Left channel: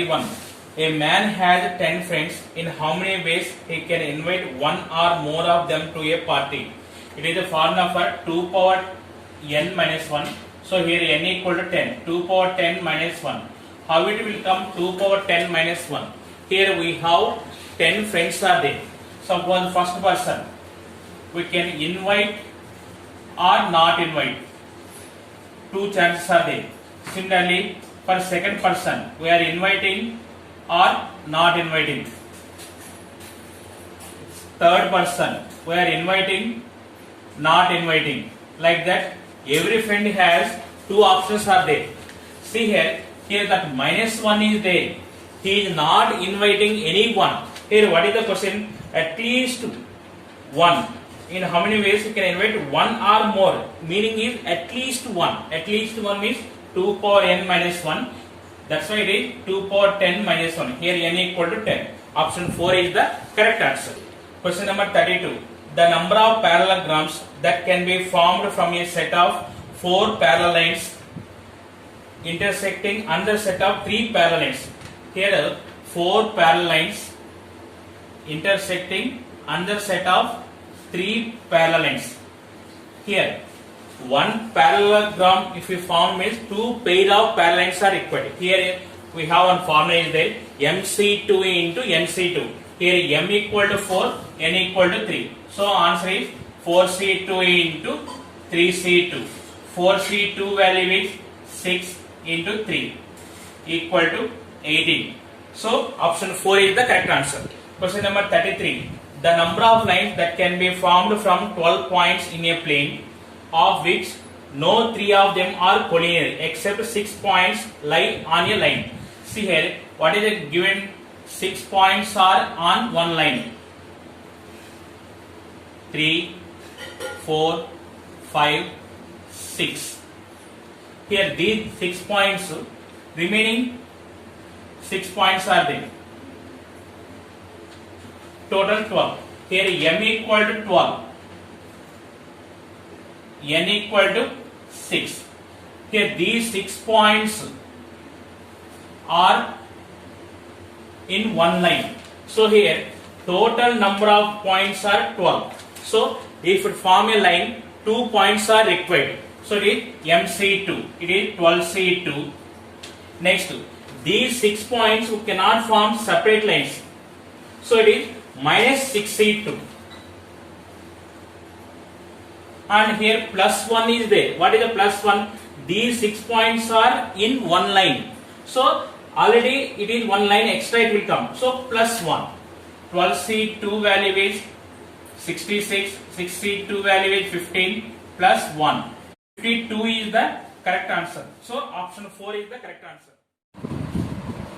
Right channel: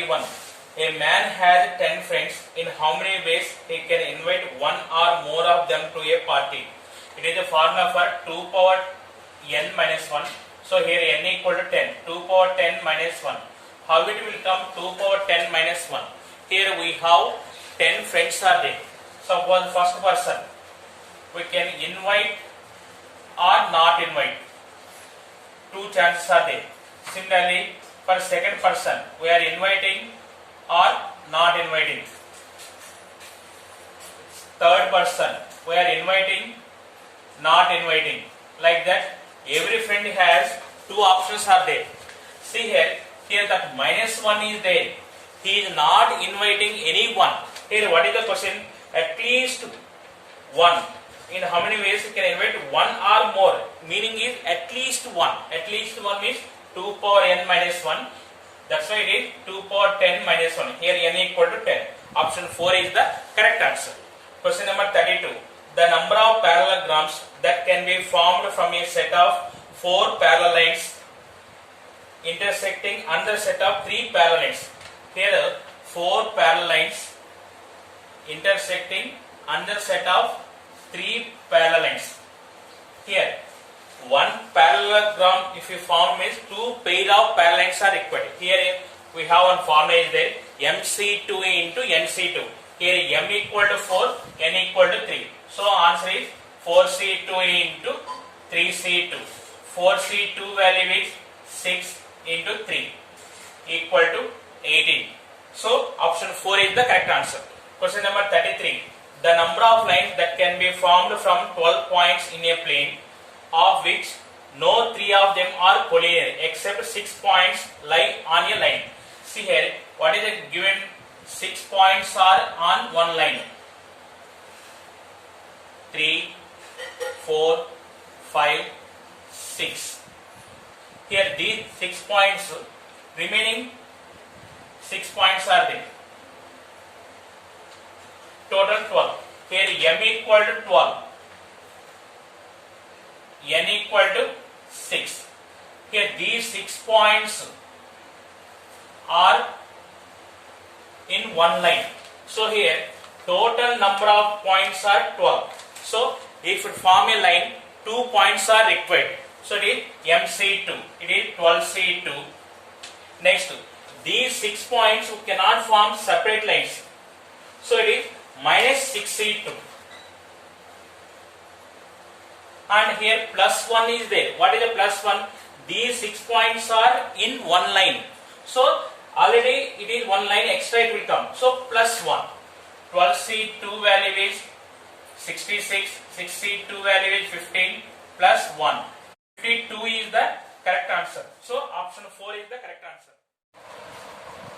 31. A man has 10 friends. In how many ways he can invite one or more of them to a party? It is the formula for 2 power n minus 1. So here n equal to 10. 2 power 10 minus 1. How it will come 2 power 10 minus 1? Here we have 10 friends are there. So for the first person, we can invite or not invite. Two chances are there. Similarly, for second person, we are inviting or not inviting. Third person, we are inviting, not inviting. Like that, every friend has two options are there. See here that minus 1 is there. He is not inviting anyone. Here what is the question? At least one. In how many ways you can invite one or more? Meaning is at least one. At least one is 2 power n minus 1. That's why it is 2 power 10 minus 1. Here n equal to 10. Option 4 is the correct answer. Question number 32. The number of parallelograms that can be formed from a set of 4 parallel lines intersecting another set of 3 parallel lines. Here 4 parallel lines intersecting another set of 3 parallel lines. Here one parallelogram if you form is 2 pair of parallel lines are required. Here we have one formula is there, MC2 into NC2. Here M equal to 4, N equal to 3. So answer is 4C2 into 3C2. 4C2 value is 6 into 3 equal to 18. So option 4 is the correct answer. Question number 33. The number of lines that can be formed from 12 points in a plane, of which no 3 of them are collinear except 6 points lie on a line. See here, what is the given 6 points are on one line? 3, 4, 5, 6. Here these 6 points, remaining 6 points are there. Total 12. Here M equal to 12. N equal to 6. Here these 6 points are in one line. So here total number of points are 12. So if it form a line, 2 points are required. So it is MC2. It is 12C2. Next, these 6 points cannot form separate lines. So it is minus 6C2. And here plus 1 is there. What is the plus 1? These 6 points are in one line. So already it is one line, extra it will come. So plus 1. 12C2 value is 66. 6C2 value is 15 plus 1. 52 is the correct answer. So option 4 is the correct answer.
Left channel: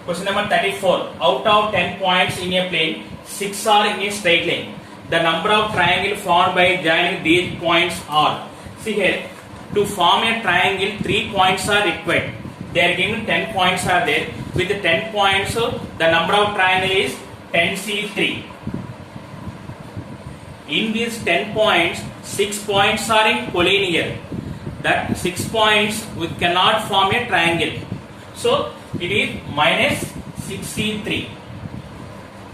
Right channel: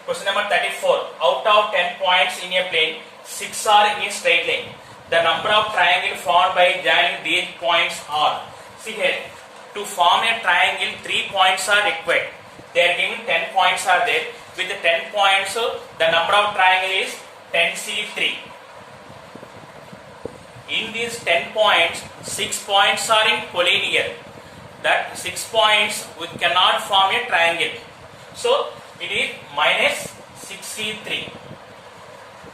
Question number 34. Out of 10 points in a plane, 6 are in a straight line. The number of triangles formed by joining these points are. See here, to form a triangle, 3 points are required. They are given 10 points are there. With the 10 points, the number of triangle is 10C3. In these 10 points, 6 points are in collinear. That 6 points we cannot form a triangle. So it is minus 6C3.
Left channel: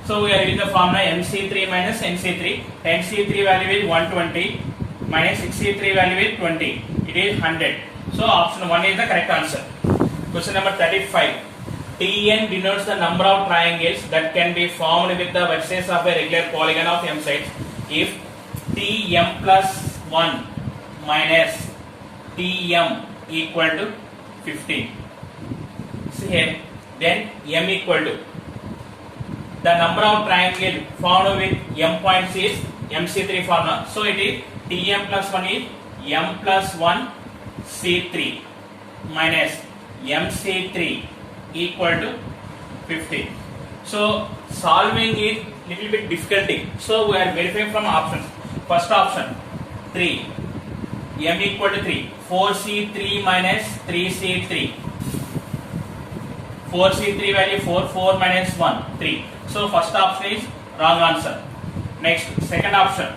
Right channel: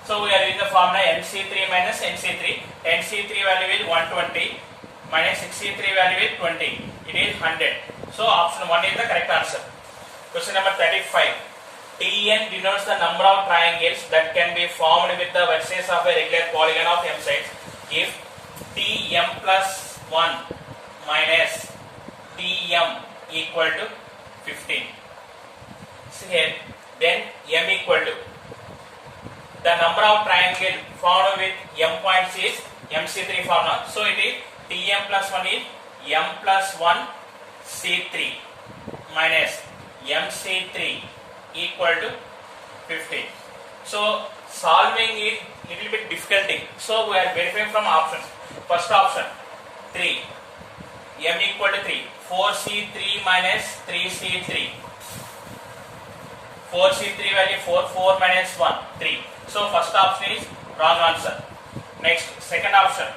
So we are using the formula MC3 minus NC3. 10C3 value is 120 minus 6C3 value is 20. It is 100. So option 1 is the correct answer. Question number 35. Tn denotes the number of triangles that can be formed with the vertices of a regular polygon of m sides if Tm plus 1 minus Tm equal to 15. See here, then m equal to the number of triangles formed with m points is MC3 formula. So it is Tm plus 1 is m plus 1 C3 minus MC3 equal to 15. So solving is little bit difficulty. So we are verifying from options. First option 3, m equal to 3, 4C3 minus 3C3. 4C3 value 4, 4 minus 1, 3. So first option is wrong answer. Next, second option,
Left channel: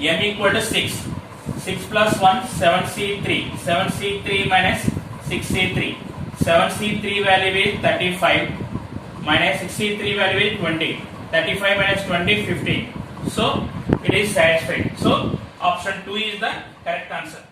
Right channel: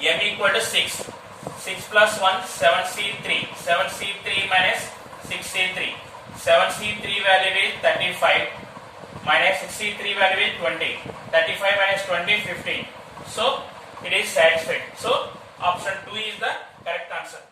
m equal to 6. 6 plus 1, 7C3. 7C3 minus 6C3. 7C3 value is 35 minus 6C3 value is 20. 35 minus 20, 15. So it is satisfied. So option 2 is the correct answer.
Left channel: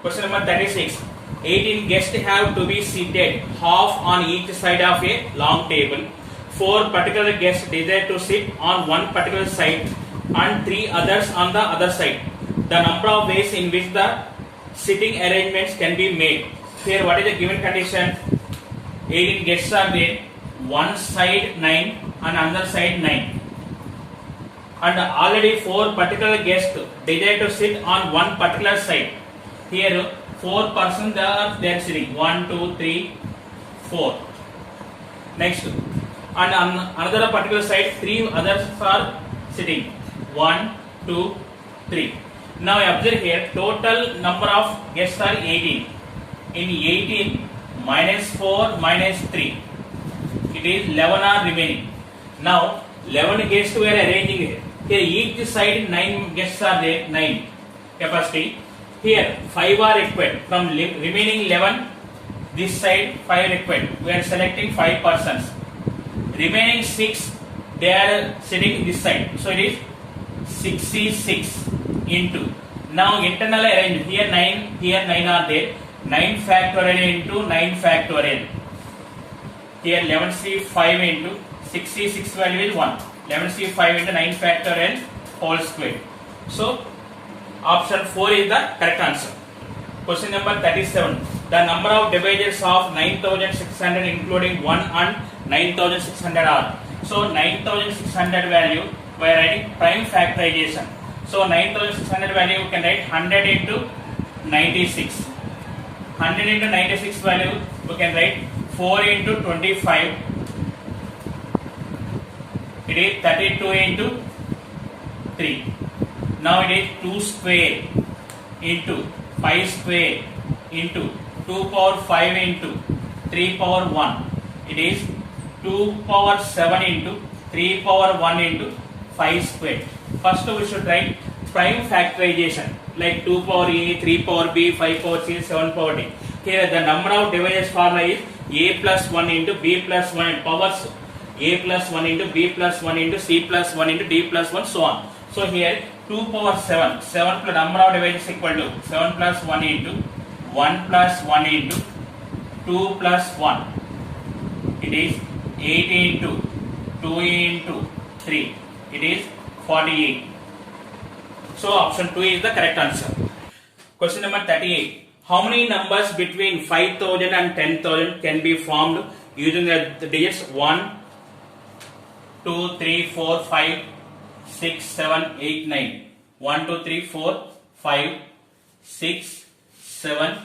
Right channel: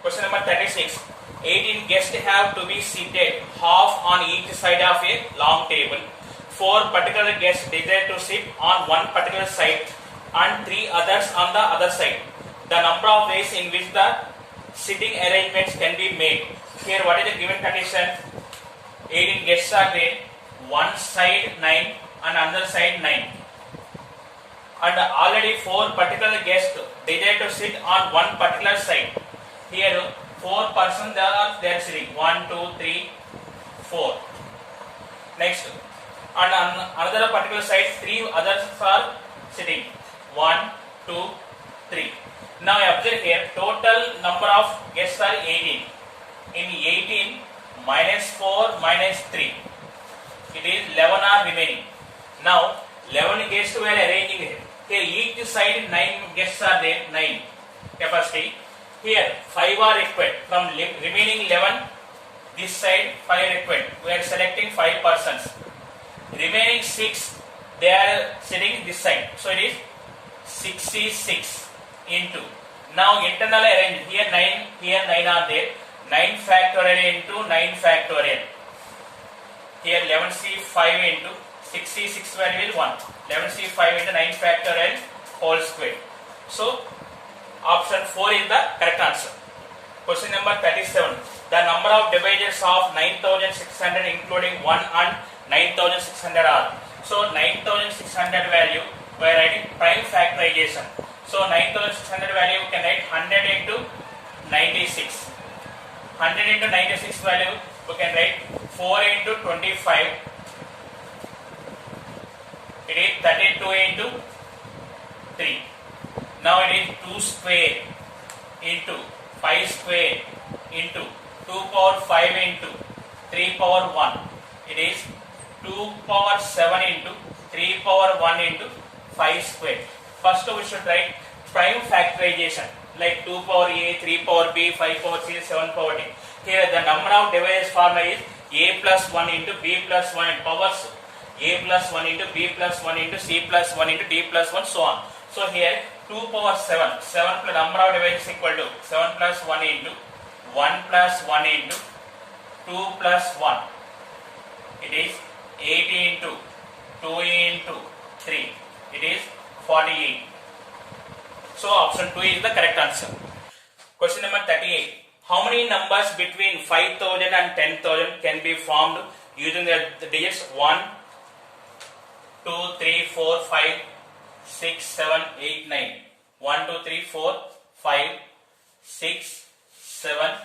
Question number 36. 18 guests have to be seated half on each side of a long table. 4 particular guests desire to sit on one particular side and 3 others on the other side. The number of ways in which the sitting arrangements can be made. Here what is the given condition? 18 guests are there. One side 9 and another side 9. And already 4 particular guests desire to sit on one particular side. Here 4 persons they are sitting. 1, 2, 3, 4. Next, on another particular side 3 others are sitting. 1, 2, 3. Now observe here, total number of guests are 18. In 18 minus 4 minus 3, it is 11 are remaining. Now 11 guests were arranging here. Here each side 9 guests are there, 9 capacity. Here 5 are required. From remaining 11, this side 5 required. We are selecting 5 persons. Remaining 6, they are sitting this side. So it is 66 into. Now internal arrangement. Here 9 are there. 9 factorial into 9 factorial. Here 11C5 into 66 value is 1. 11C5 into 9 factorial whole square. So option 4 is the correct answer. Question number 37. The number of divisors of 9600 including 1 and 9600 are. So 9600 value we are writing prime factorization. So 9600 value we can write 100 into 96. 100 into 96 value we can write 4 into 25. It is 32 into 3. Now it is 2 square into 5 square into 2 power 5 into 3 power 1. It is 2 power 7 into 3 power 1 into 5 square. First we should write prime factorization like 2 power A, 3 power B, 5 power C, 7 power D. Here the number of divisors formula is A plus 1 into B plus 1 and powers A plus 1 into B plus 1 into C plus 1 into D plus 1 so on. So here 2 power 7, 7 plus number of divisors equal to 7 plus 1 into 1 plus 1 into 2 plus 1. It is 8 into 2 into 3. It is 48. So option 2 is the correct answer. Question number 38. How many numbers between 5000 and 10,000 can be formed using the digits 1, 2, 3, 4, 5, 6, 7, 8, 9. 1, 2, 3, 4, 5, 6, 7,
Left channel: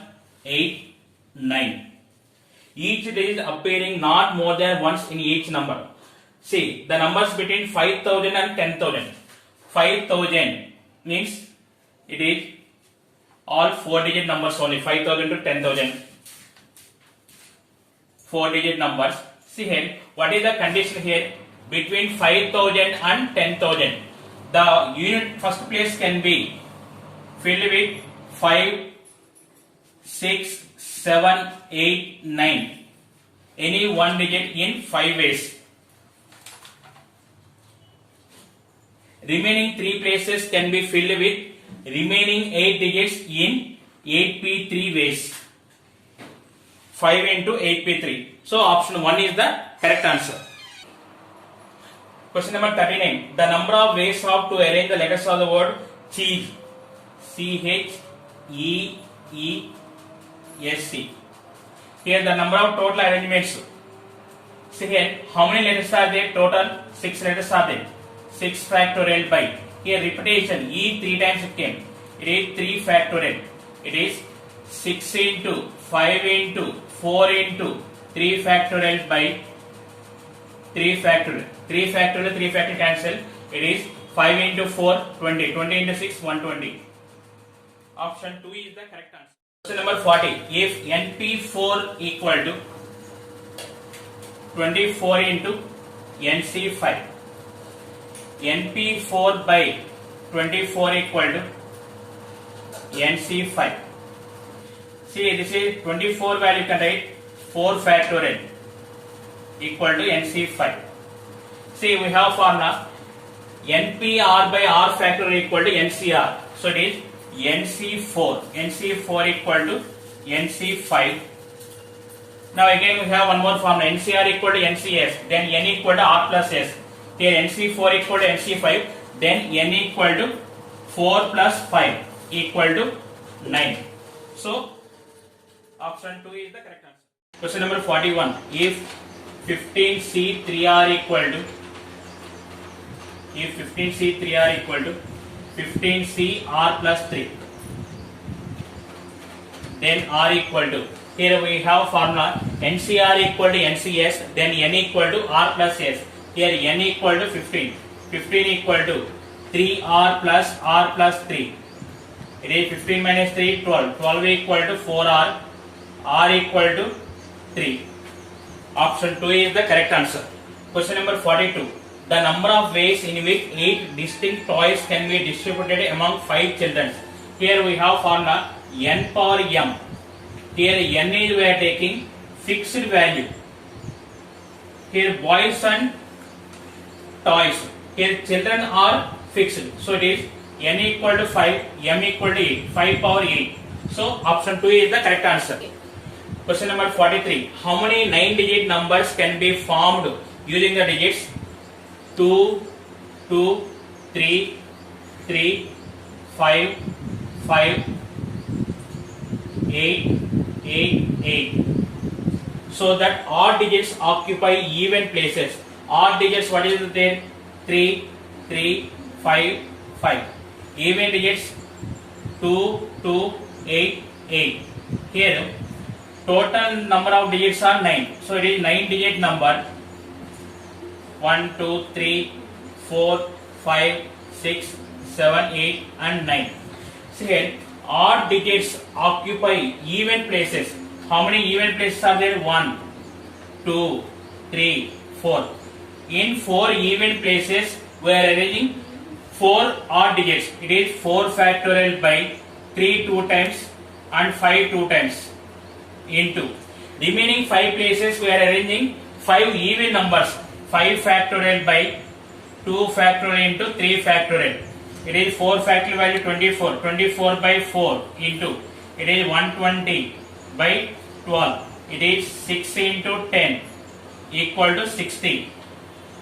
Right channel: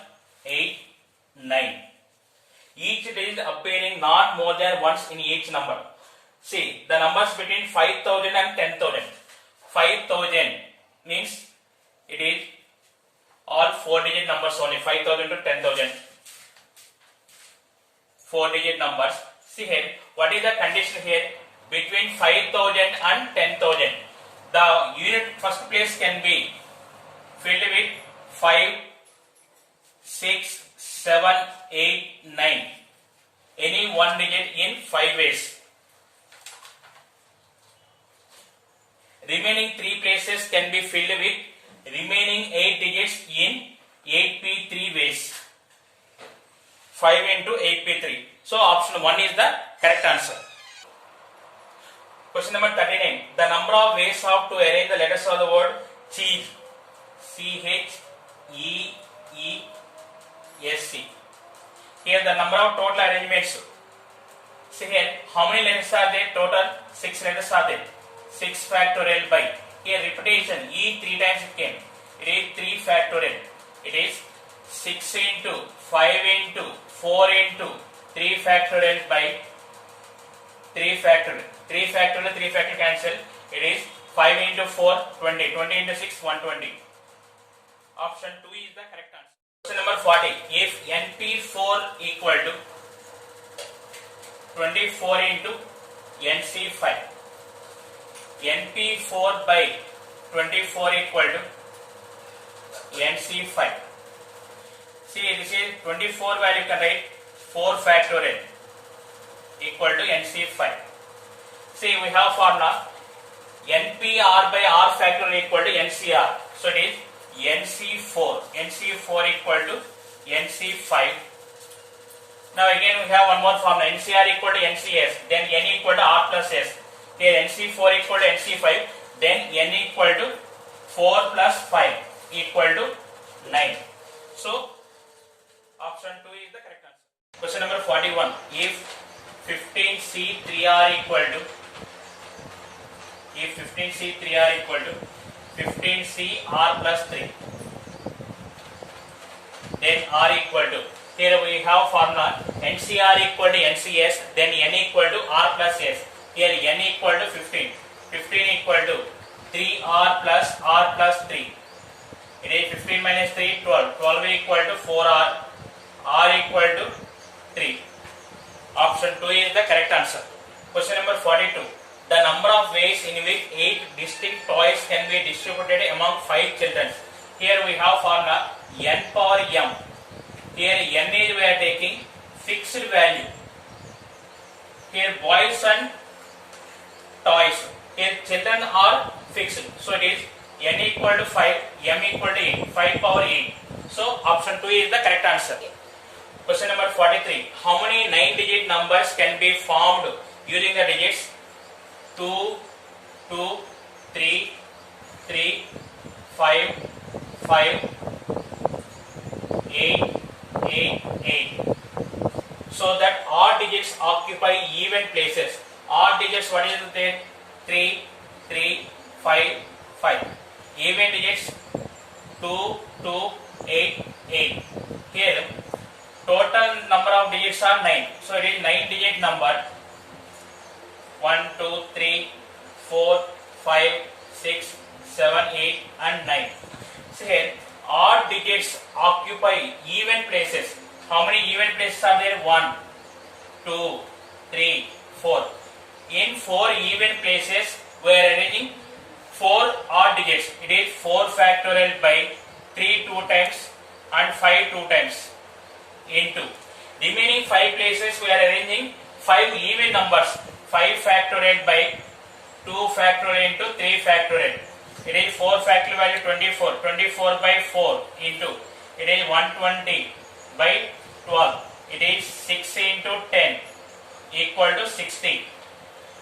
8, 9. Each digit appearing not more than once in each number. See, the numbers between 5000 and 10,000. 5000 means it is all 4-digit numbers only. 5000 to 10,000. 4-digit numbers. See here, what is the condition here? Between 5000 and 10,000. The unit first place can be filled with 5, 6, 7, 8, 9. Any one digit in 5 ways. Remaining 3 places can be filled with remaining 8 digits in 8p3 ways. 5 into 8p3. So option 1 is the correct answer. Question number 39. The number of ways of to arrange the letters of the word cheese. C-H-E-E-S-C. Here the number of total arrangements. See here, how many letters are there? Total 6 letters are there. 6 factorial by. Here repetition, E 3 times it came. It is 3 factorial. It is 6 into 5 into 4 into 3 factorial by 3 factorial. 3 factorial, 3 factorial cancel. It is 5 into 4, 20. 20 into 6, 120. Option 2 is the correct answer. Question number 40. If NP4 equal to 24 into NC5. NP4 by 24 equal to NC5. See, this is 24 value can write 4 factorial equal to NC5. See, we have formula NPR by R factorial equal to NCR. So it is NC4. NC4 equal to NC5. Now again we have one more formula, NCR equal to NCS, then N equal to R plus S. Here NC4 equal to NC5, then N equal to 4 plus 5 equal to 9. So option 2 is the correct answer. Question number 41. If 15C3R equal to 15CR plus 3, then R equal to, here we have formula NCR equal to NCS, then N equal to R plus S. Here N equal to 15, 15 equal to 3R plus 3. It is 15 minus 3, 12. 12 equal to 4R, R equal to 3. Option 2 is the correct answer. Question number 42. The number of ways in which 8 distinct toys can be distributed among 5 children. Here we have formula N power M. Here N is we are taking fixed value. Here boys and toys. Here children are fixed. So it is N equal to 5, M equal to 8, 5 power 8. So option 2 is the correct answer. Question number 43. How many 9-digit numbers can be formed using the digits 2, 2, 3, 3, 5, 5, 8, 8, 8. So that odd digits occupy even places. Odd digits, what is there? 3, 3, 5, 5. Even digits 2, 2, 8, 8. Here total number of digits are 9. So it is 9-digit number. 1, 2, 3, 4, 5, 6, 7, 8 and 9. So here odd digits occupy even places. How many even places are there? 1, 2, 3, 4. In 4 even places we are arranging 4 odd digits. It is 4 factorial by 3 2 times and 5 2 times into. Remaining 5 places we are arranging 5 even numbers. 5 factorial by 2 factorial into 3 factorial. It is 4 factorial value 24. 24 by 4 into. It is 120 by 12. It is 6 into 10 equal to 60.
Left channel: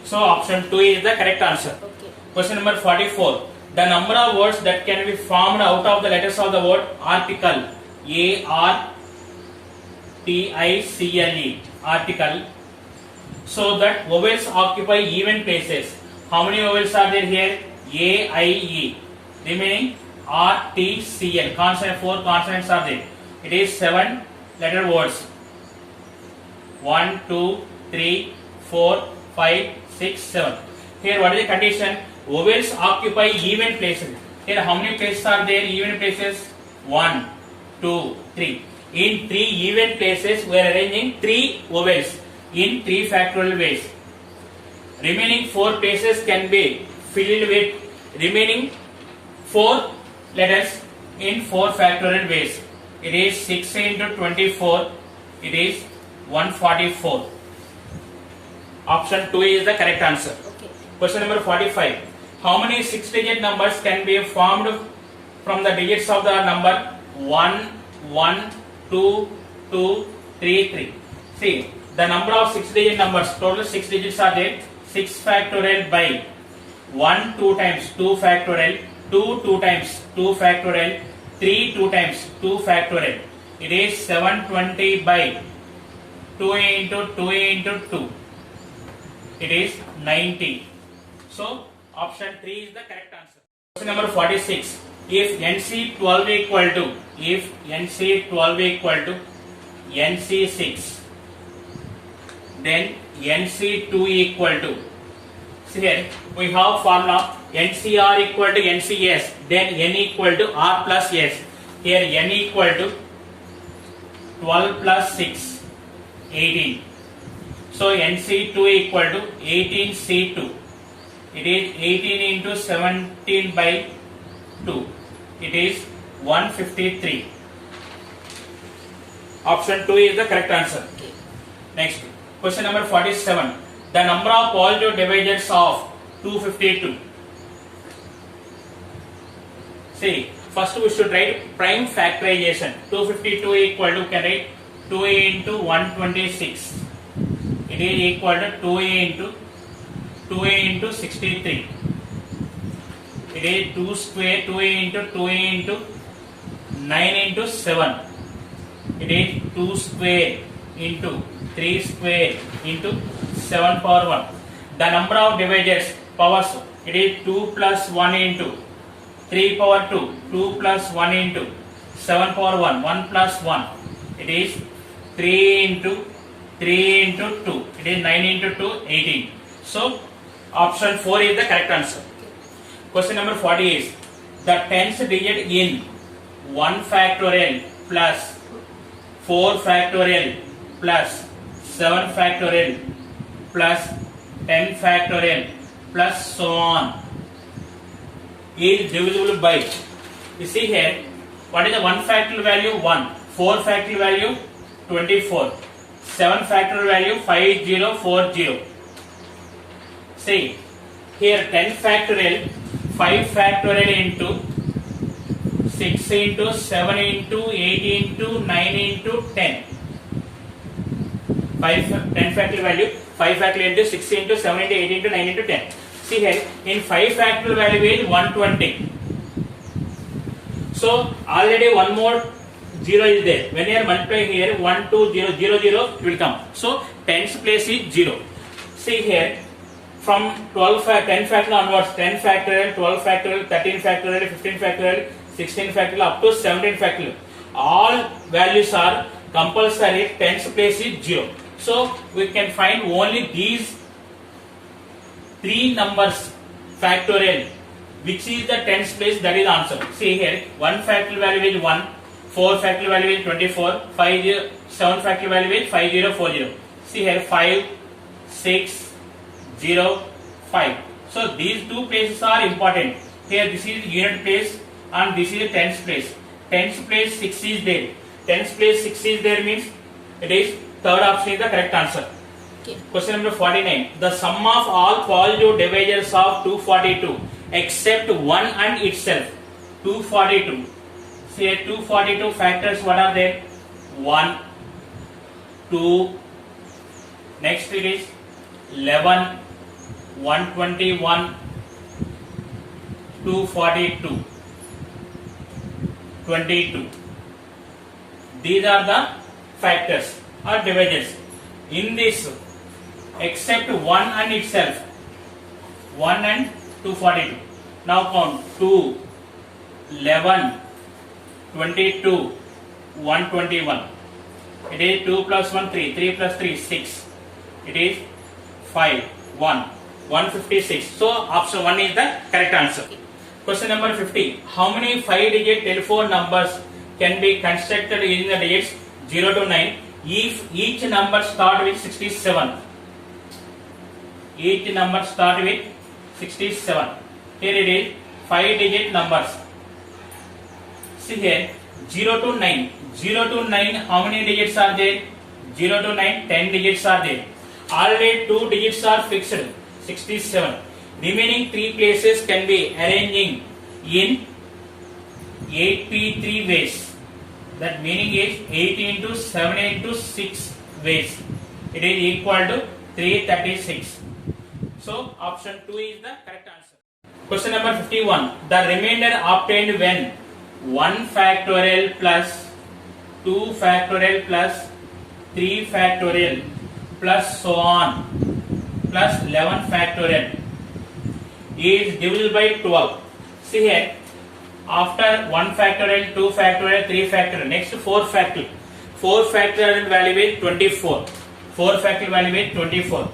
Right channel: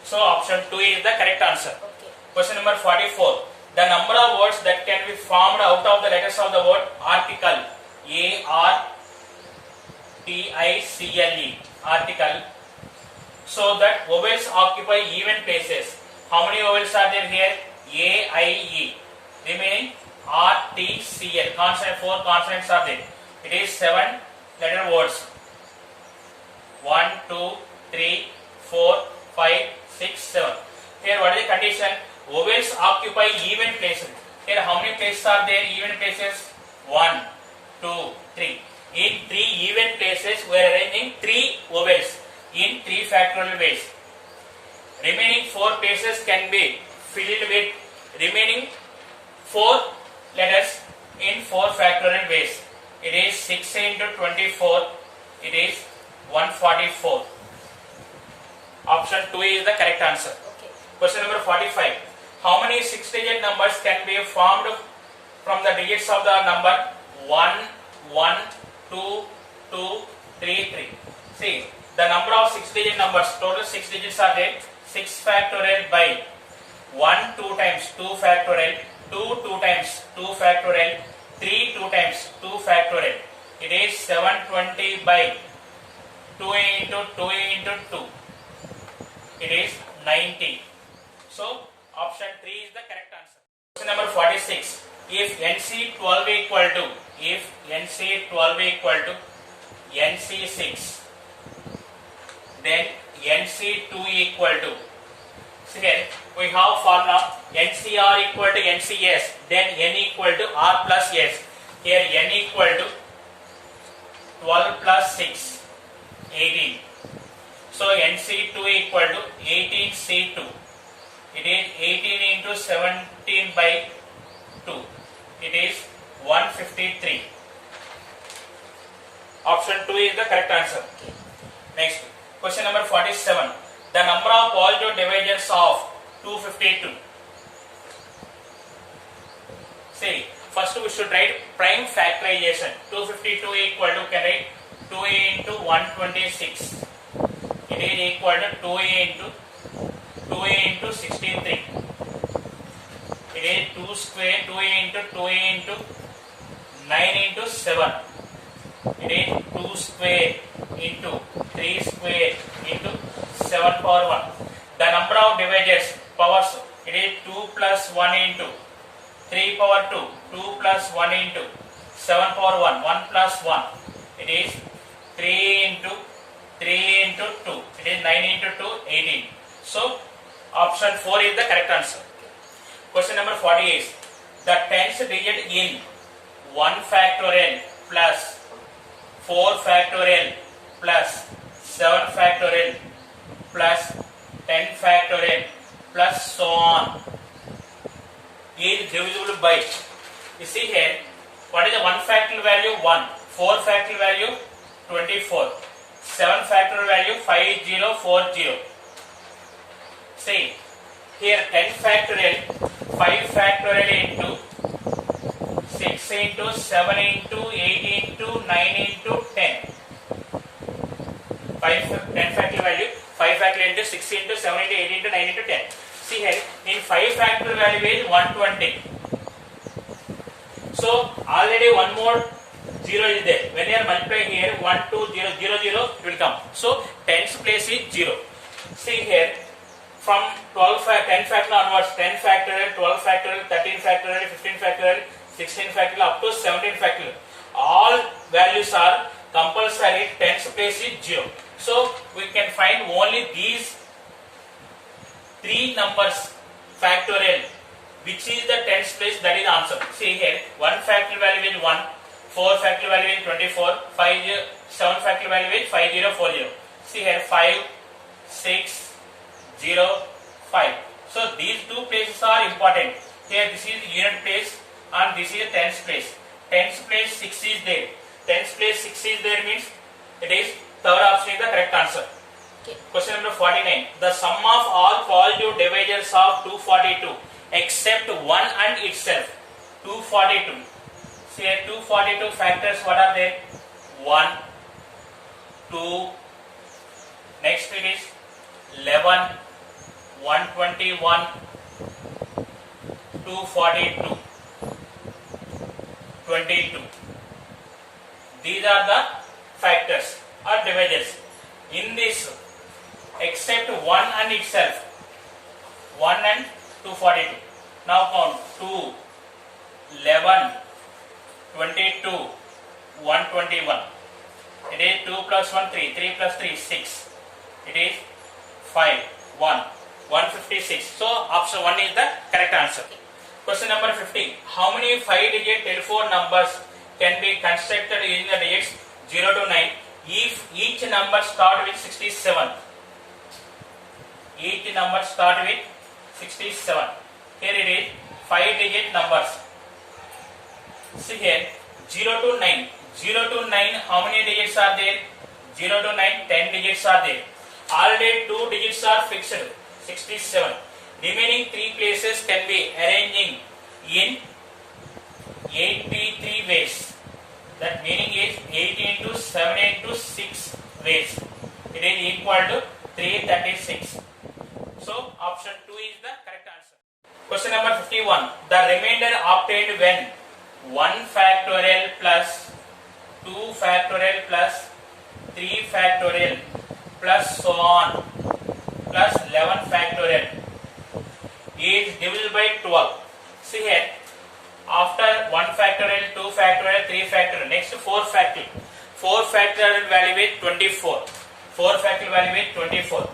So option 2 is the correct answer. Okay. Question number 44. The number of words that can be formed out of the letters of the word article. A-R-T-I-C-L-E. Article. So that vowels occupy even places. How many vowels are there here? A-I-E. Remaining R-T-C-L. Consonant, 4 consonants are there. It is 7 letter words. 1, 2, 3, 4, 5, 6, 7. Here what is the condition? Vowels occupy even places. Here how many places are there? Even places? 1, 2, 3. In 3 even places we are arranging 3 vowels in 3 factorial ways. Remaining 4 places can be filled with remaining 4 letters in 4 factorial ways. It is 6 into 24. It is 144. Option 2 is the correct answer. Okay. Question number 45. How many 6-digit numbers can be formed from the digits of the number 1, 1, 2, 2, 3, 3? See, the number of 6-digit numbers, total 6 digits are there. 6 factorial by 1 2 times 2 factorial, 2 2 times 2 factorial, 3 2 times 2 factorial. It is 720 by 2 into 2 into 2. It is 90. So option 3 is the correct answer. Question number 46. If NC12 equal to NC6, then NC2 equal to. So here we have formula NCR equal to NCS, then N equal to R plus S. Here N equal to 12 plus 6, 18. So NC2 equal to 18C2. It is 18 into 17 by 2. It is 153. Option 2 is the correct answer. Okay. Next, question number 47. The number of positive divisors of 252. See, first we should write prime factorization. 252 equal to, can write 2a into 126. It is equal to 2a into 63. It is 2 square, 2a into 9 into 7. It is 2 square into 3 square into 7 power 1. The number of divisors, powers, it is 2 plus 1 into 3 power 2, 2 plus 1 into 7 power 1, 1 plus 1. It is 3 into 2. It is 9 into 2, 18. So, option 4 is the correct answer. Question number 40 is, the tens digit in 1 factorial plus 4 factorial plus 7 factorial plus 10 factorial plus so on is divisible by, you see here, what is the 1 factorial value? 1. 4 factorial value? 24. 7 factorial value? 5040. See, here 10 factorial, 5 factorial into 6 into 7 into 8 into 9 into 10. 10 factorial value, 5 factorial into 6 into 7 into 8 into 9 into 10. See here, in 5 factorial value is 120. So, already one more 0 is there. When you are multiplying here, 1, 2, 0, 0, 0, it will come. So, 10's place is 0. See here, from 10 factorial onwards, 10 factorial, 12 factorial, 13 factorial, 15 factorial, 16 factorial up to 17 factorial. All values are compulsory, 10's place is 0. So, we can find only these 3 numbers factorial, which is the 10's place, that is the answer. See here, 1 factorial value is 1, 4 factorial value is 24, 7 factorial value is 5040. See here, 5, 6, 0, 5. So these two places are important. Here this is unit place and this is 10's place. 10's place 6 is there. 10's place 6 is there means it is third option is the correct answer. Okay. Question number 49. The sum of all positive divisors of 242 except 1 and itself. 242. See here 242 factors, what are there? 1, 2, next it is 11, 121, 242, 22. These are the factors or divisors. In this, except 1 and itself, 1 and 242. Now count 2, 11, 22, 121. It is 2 plus 1, 3, 3 plus 3, 6. It is 5, 1, 156. So, option 1 is the correct answer. Question number 50. How many 5-digit telephone numbers can be constructed using the digits 0 to 9 if each number start with 67? Each number start with 67. Here it is 5-digit numbers. See here 0 to 9. 0 to 9, how many digits are there? 0 to 9, 10 digits are there. Already 2 digits are fixed, 67. Remaining 3 places can be arranging in 8p3 ways. That meaning is 8 into 7 into 6 ways. It is equal to 336. So option 2 is the correct answer. Question number 51. The remainder obtained when 1 factorial plus 2 factorial plus 3 factorial plus so on plus 11 factorial is divisible by 12. See here, after 1 factorial, 2 factorial, 3 factorial, next 4 factorial. 4 factorial value is 24. 4 factorial value is 24.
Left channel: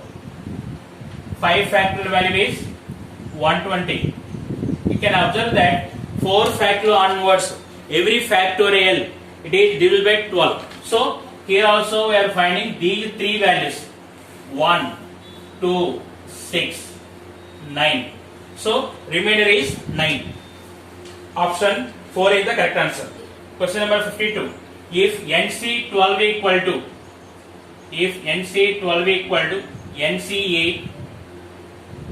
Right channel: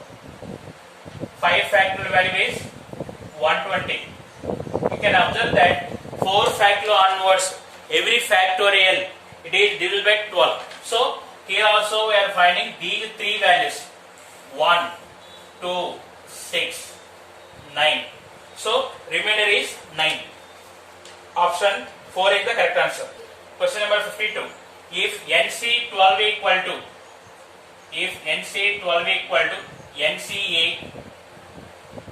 5 factorial value is 120. You can observe that 4 factorial onwards, every factorial, it is divisible by 12. So, here also we are finding these 3 values. 1, 2, 6, 9. So, remainder is 9. Option 4 is the correct answer. Question number 52. if NC12 equal to NC8,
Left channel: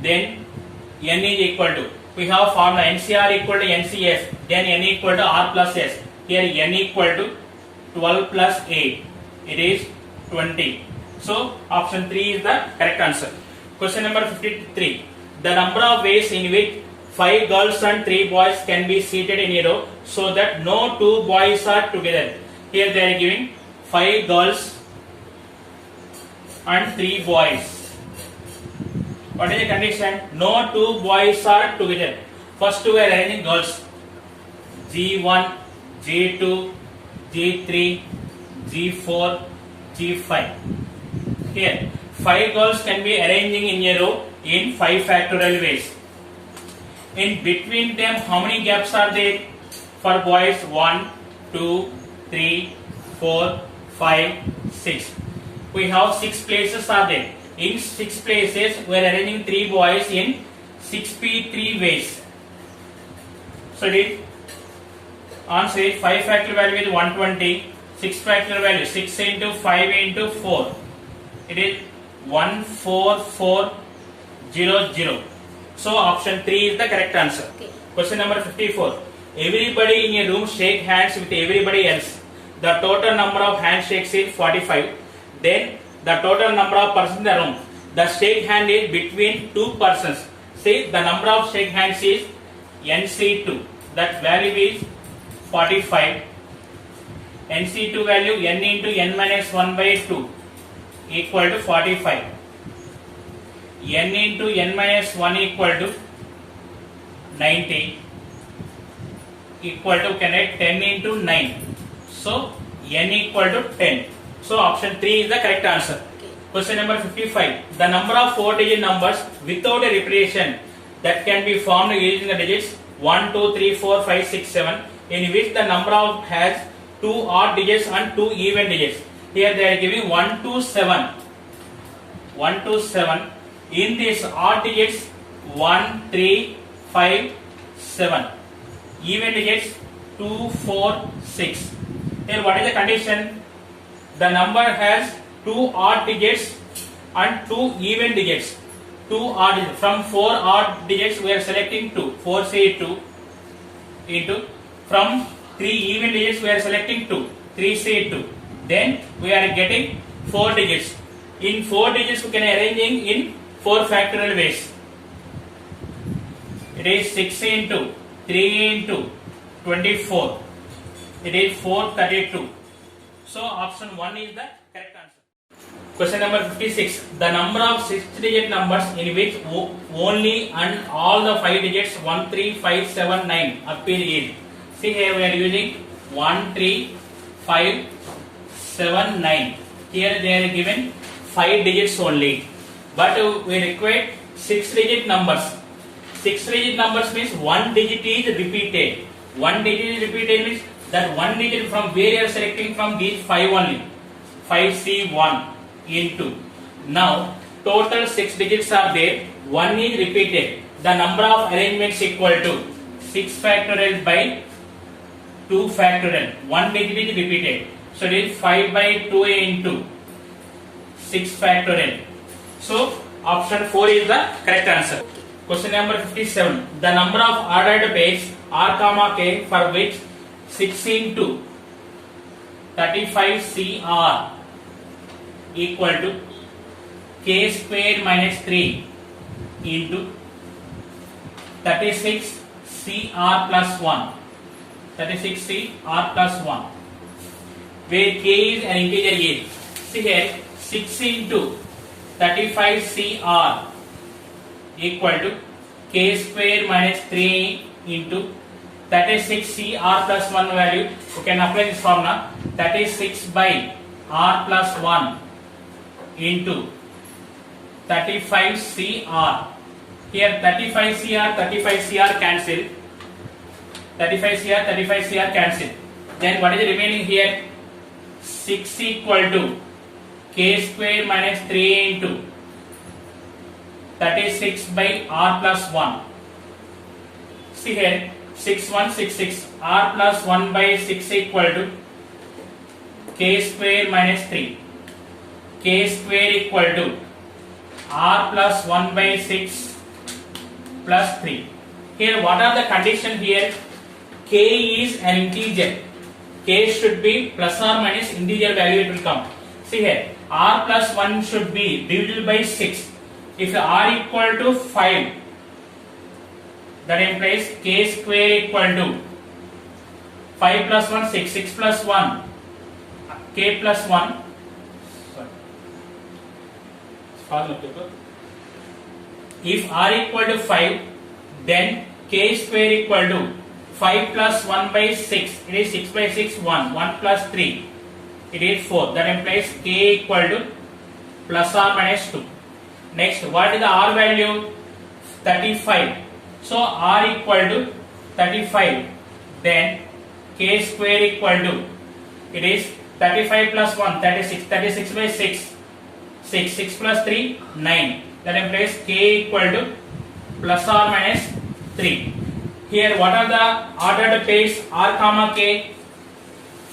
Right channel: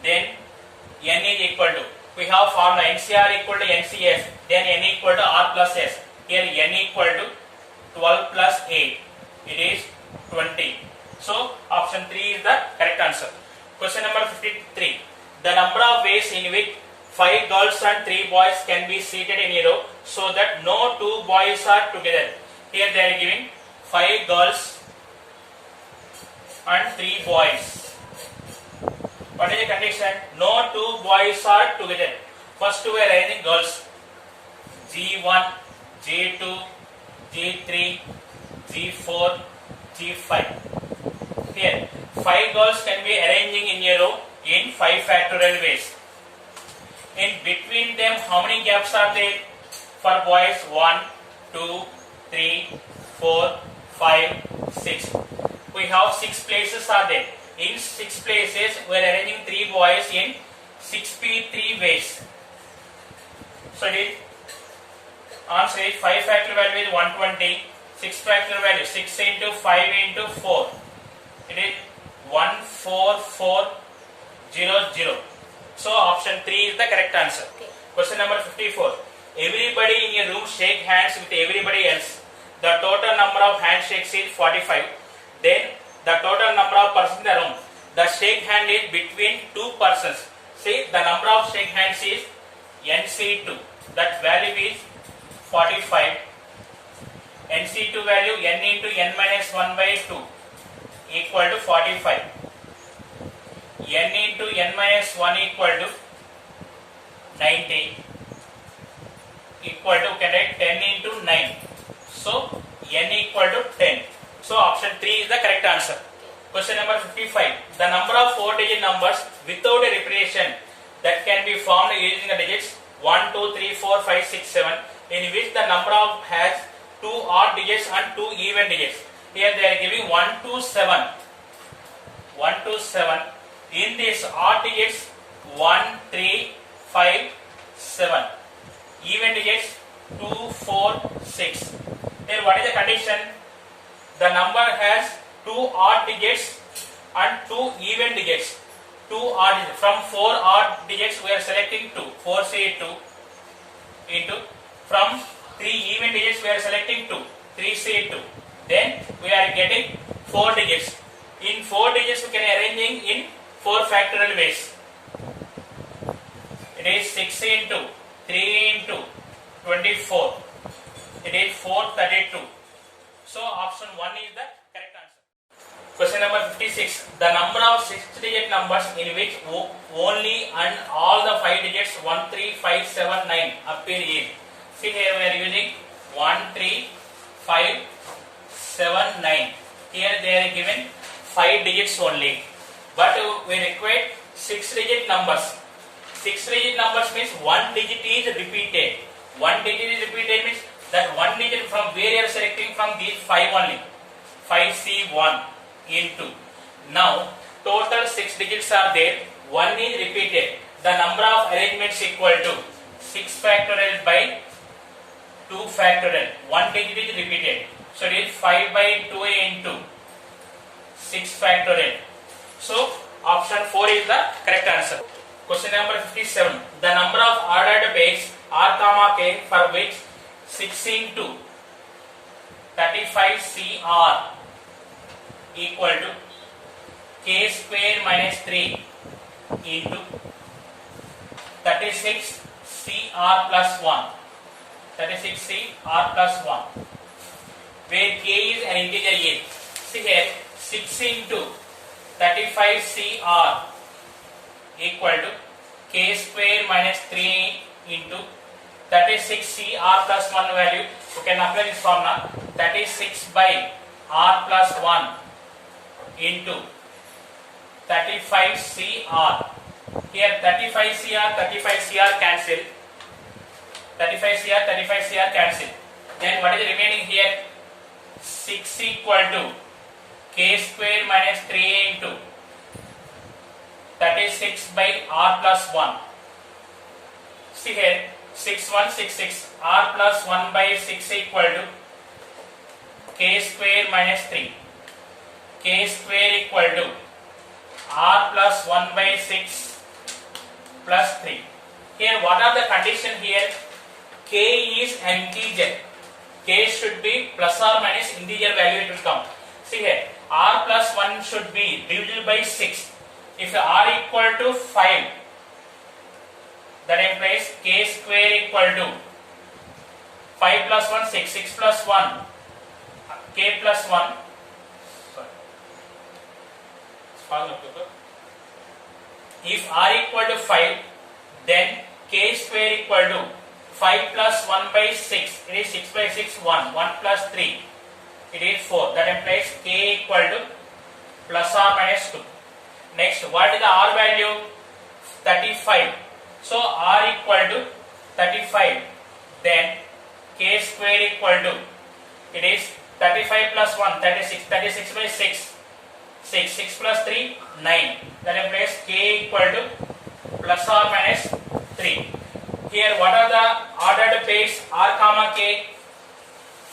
then N is equal to, we have formula NCR equal to NCS, then N equal to R plus S. Here N equal to 12 plus 8, it is 20. So option 3 is the correct answer. Question number 53. The number of ways in which 5 girls and 3 boys can be seated in a row so that no 2 boys are together. Here they are giving 5 girls and 3 boys. What is the condition? No 2 boys are together. First we are arranging girls. G1, G2, G3, G4, G5. Here 5 girls can be arranging in a row in 5 factorial ways. In between them, how many gaps are there? For boys, 1, 2, 3, 4, 5, 6. We have 6 places are there. In 6 places, we are arranging 3 boys in 6p3 ways. So the answer is 5 factorial value is 120, 6 factorial value 6 into 5 into 4. It is 14400. So option 3 is the correct answer. Okay. Question number 54. Everybody in a room shake hands with everybody else. The total number of handshakes is 45. Then the total number of persons in the room. The shake hand is between 2 persons. See, the number of shake hands is NC2. That value is 45. NC2 value N into N minus 1 by 2 equal to 45. N into N minus 1 equal to 90 equal to 10 into 9. So N equal to 10. So option 3 is the correct answer. Okay. Question number 55. The number of 4-digit numbers without a repetition that can be formed using the digits 1, 2, 3, 4, 5, 6, 7, in which the number of has 2 odd digits and 2 even digits. Here they are giving 1 to 7. 1 to 7. In this odd digits 1, 3, 5, 7. Even digits 2, 4, 6. Here what is the condition? The number has 2 odd digits and 2 even digits. 2 odd digits. From 4 odd digits we are selecting 2. 4 say 2 into. From 3 even digits we are selecting 2. 3 say 2. Then we are getting 4 digits. In 4 digits we can arranging in 4 factorial ways. It is 6 into 3 into 24. It is 432. So option 1 is the correct answer. Question number 56. The number of 6-digit numbers in which only and all the 5 digits 1, 3, 5, 7, 9 appear is. See here we are using 1, 3, 5, 7, 9. Here they are given 5 digits only. But we require 6-digit numbers. 6-digit numbers means 1 digit is repeated. 1 digit is repeated means that 1 digit from where you are selecting from these 5 only. 5C1 into. Now total 6 digits are there. 1 is repeated. The number of arrangements equal to 6 factorial by 2 factorial. 1 digit is repeated. So it is 5 by 2 into 6 factorial. So option 4 is the correct answer. Question number 57. The number of ordered pairs R comma K for which 6 into 35 CR equal to K squared minus 3 into 36 CR plus 1. 36 CR plus 1. Where K is an integer A. See here 6 into 35 CR equal to K square minus 3 into 36 CR plus 1 value. You can apply this formula. 36 by R plus 1 into 35 CR. Here 35 CR cancel. 35 CR cancel. Then what is remaining here? 6 equal to K square minus 3 into 36 by R plus 1. See here 6166. R plus 1 by 6 equal to k square minus 3. K square equal to r plus 1 by 6 plus 3. Here what are the condition here? K is an integer. K should be plus or minus integer value it will come. See here, r plus 1 should be divided by 6. If r equal to 5, that implies k square equal to 5 plus 1, 6, 6 plus 1, k plus 1. Sorry. If r equal to 5, then k square equal to 5 plus 1 by 6. It is 6 by 6, 1. 1 plus 3. It is 4. That implies k equal to plus or minus 2. Next, what is the r value? 35. So r equal to 35. Then k square equal to, it is 35 plus 1, 36. 36 by 6. 6. 6 plus 3, 9. That implies k equal to plus or minus 3. Here what are the ordered pairs? R comma k,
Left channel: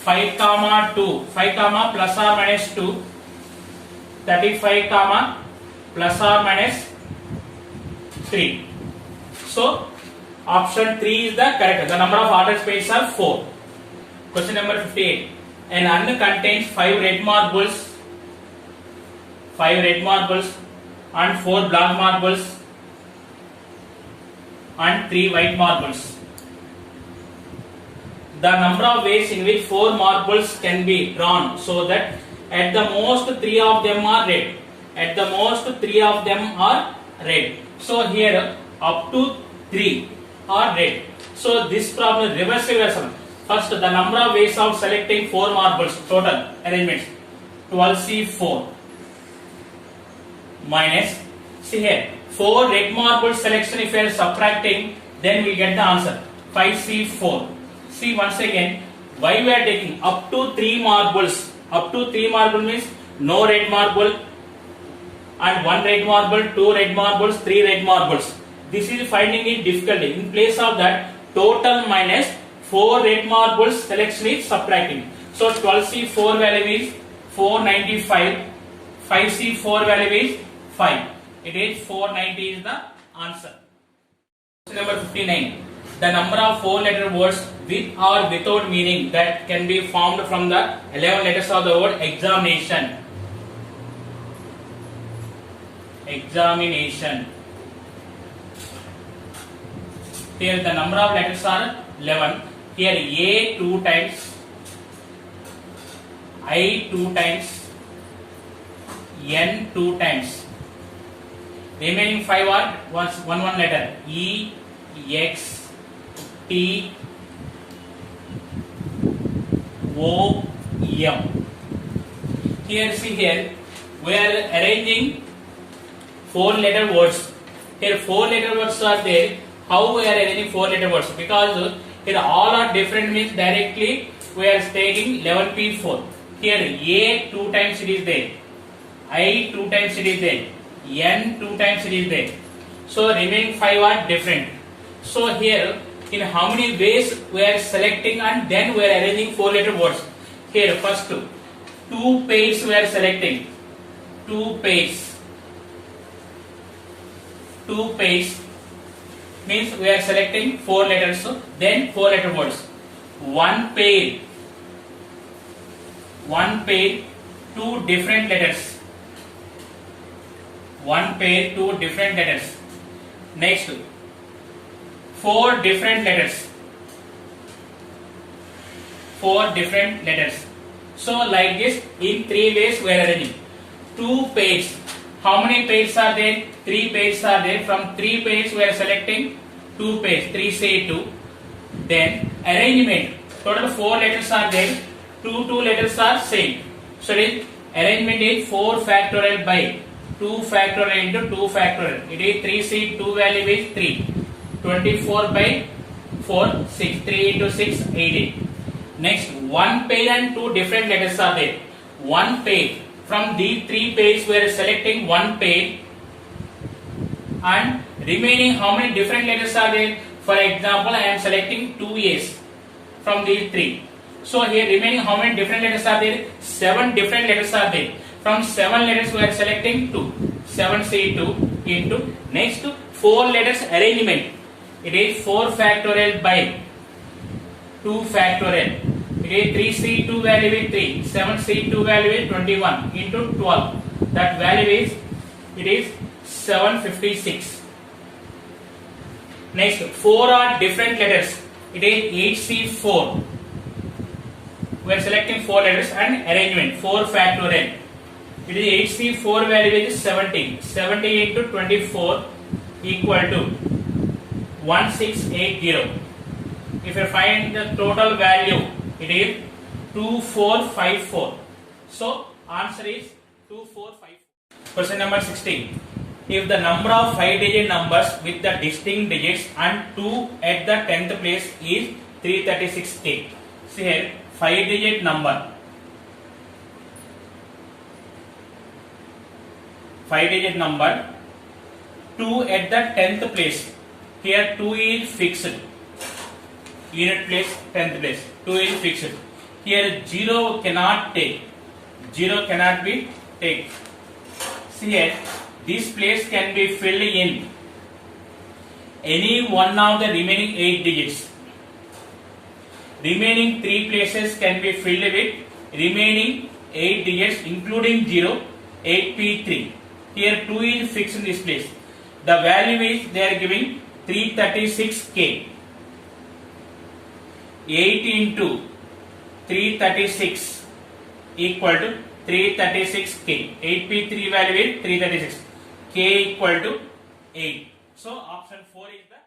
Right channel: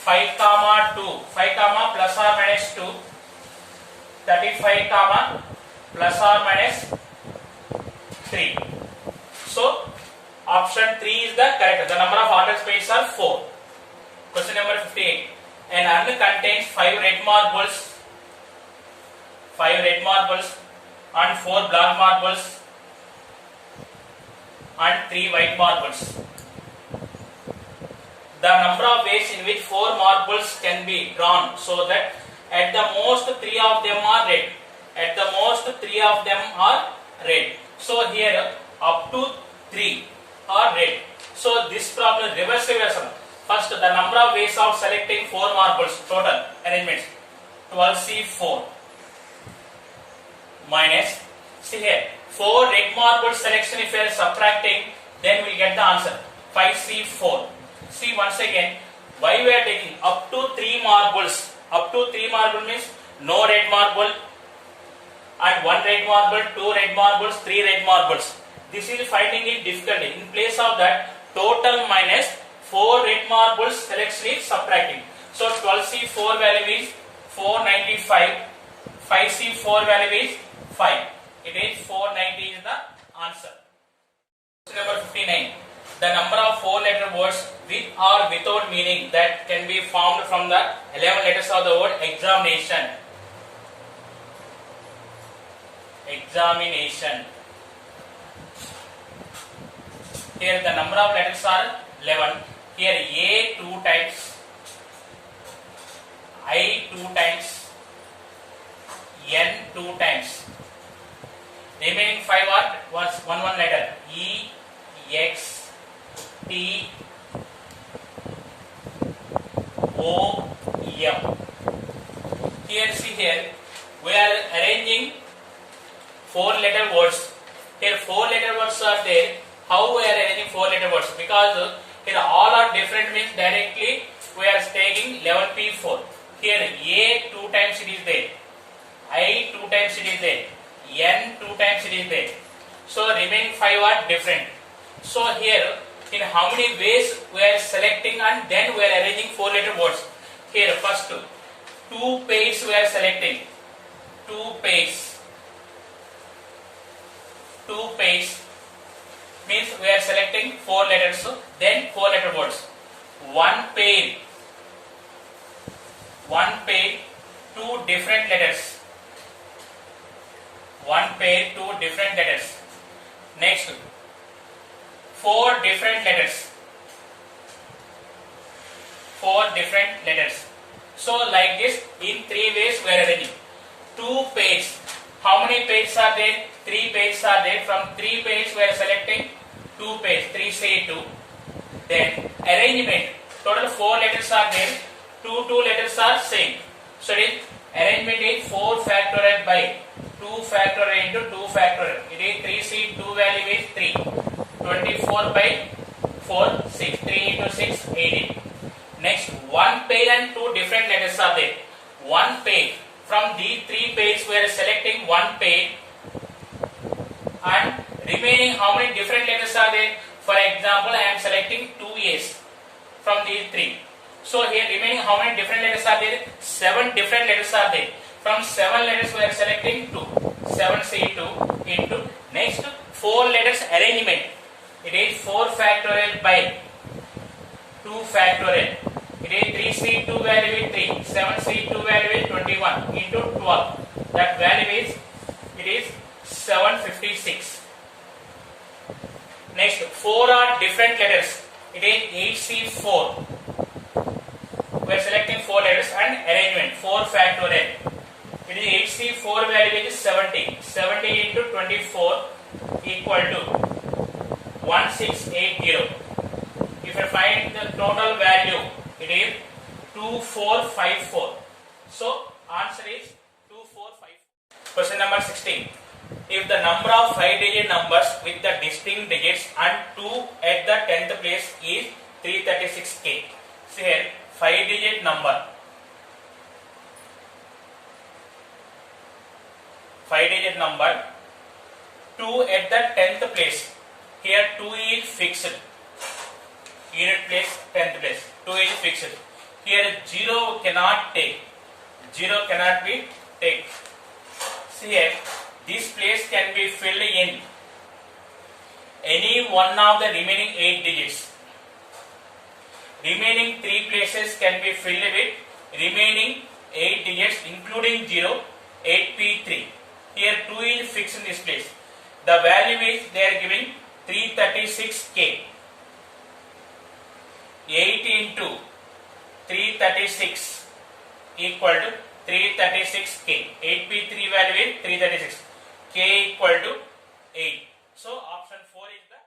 5 comma 2, 5 comma plus or minus 2, 35 comma plus or minus 3. So option 3 is the correct. The number of ordered pairs are 4. Question number 58. An urn contains 5 red marbles, 5 red marbles and 4 black marbles and 3 white marbles. The number of ways in which 4 marbles can be drawn, so that at the most 3 of them are red. At the most 3 of them are red. So here up to 3 are red. So this problem reverse. First, the number of ways of selecting 4 marbles, total arrangements 12C4 minus, see here, 4 red marble selection. If we are subtracting, then we get the answer 5C4. See once again, why we are taking up to 3 marbles. Up to 3 marble means no red marble and 1 red marble, 2 red marbles, 3 red marbles. This is finding it difficult. In place of that, total minus 4 red marbles selection is subtracting. So 12C4 value is 495. 5C4 value is 5. It is 490 is the answer. Question number 59. The number of 4-letter words with or without meaning that can be formed from the 11 letters of the word examination. Examination. Here the number of letters are 11. Here A 2 times, I 2 times, N 2 times. Remaining 5 are one letter. E, X, T, O, M. Here see here, we are arranging 4-letter words. Here 4-letter words are there. How we are arranging 4-letter words? Because here all are different means directly we are taking 11P4. Here A 2 times it is there. I 2 times it is there. N 2 times it is there. So remaining 5 are different. So here in how many ways we are selecting and then we are arranging 4-letter words. Here first 2 pairs we are selecting. 2 pairs. 2 pairs means we are selecting 4 letters. So then 4-letter words. 1 pair. 1 pair, 2 different letters. 1 pair, 2 different letters. Next, 4 different letters. 4 different letters. So like this, in 3 ways we are arranging. 2 pairs. How many pairs are there? 3 pairs are there. From 3 pairs we are selecting 2 pairs. 3 say 2. Then arrangement. Total 4 letters are there. 2 letters are same. So this arrangement is 4 factorial by 2 factorial into 2 factorial. It is 3C, 2 value is 3. 24 by 4, 6. 3 into 6, 18. Next, 1 pair and 2 different letters are there. 1 pair. From these 3 pairs, we are selecting 1 pair. And remaining, how many different letters are there? For example, I am selecting 2 A's from these 3. So here remaining how many different letters are there? 7 different letters are there. From 7 letters we are selecting 2. 7C2 into next 4 letters arrangement. It is 4 factorial by 2 factorial. It is 3C2 value is 3. 7C2 value is 21 into 12. That value is, it is 756. Next 4 are different letters. It is 8C4. We are selecting 4 letters and arrangement 4 factorial. It is 8C4 value is 70. 70 into 24 equal to 1680. If you find the total value, it is 2454. So answer is 2454. Question number 16. If the number of 5-digit numbers with the distinct digits and 2 at the 10th place is 336k. See here, 5-digit number. 5-digit number. 2 at the 10th place. Here 2 is fixed. Unit place, 10th place. 2 is fixed. Here 0 cannot take. 0 cannot be taken. See here, this place can be filled in any one of the remaining 8 digits. Remaining 3 places can be filled with remaining 8 digits including 0, 8p3. Here 2 is fixed in this place. The value is they are giving 336k. 8 into 336 equal to 336k. 8p3 value is 336. K equal to 8. So option 4 is the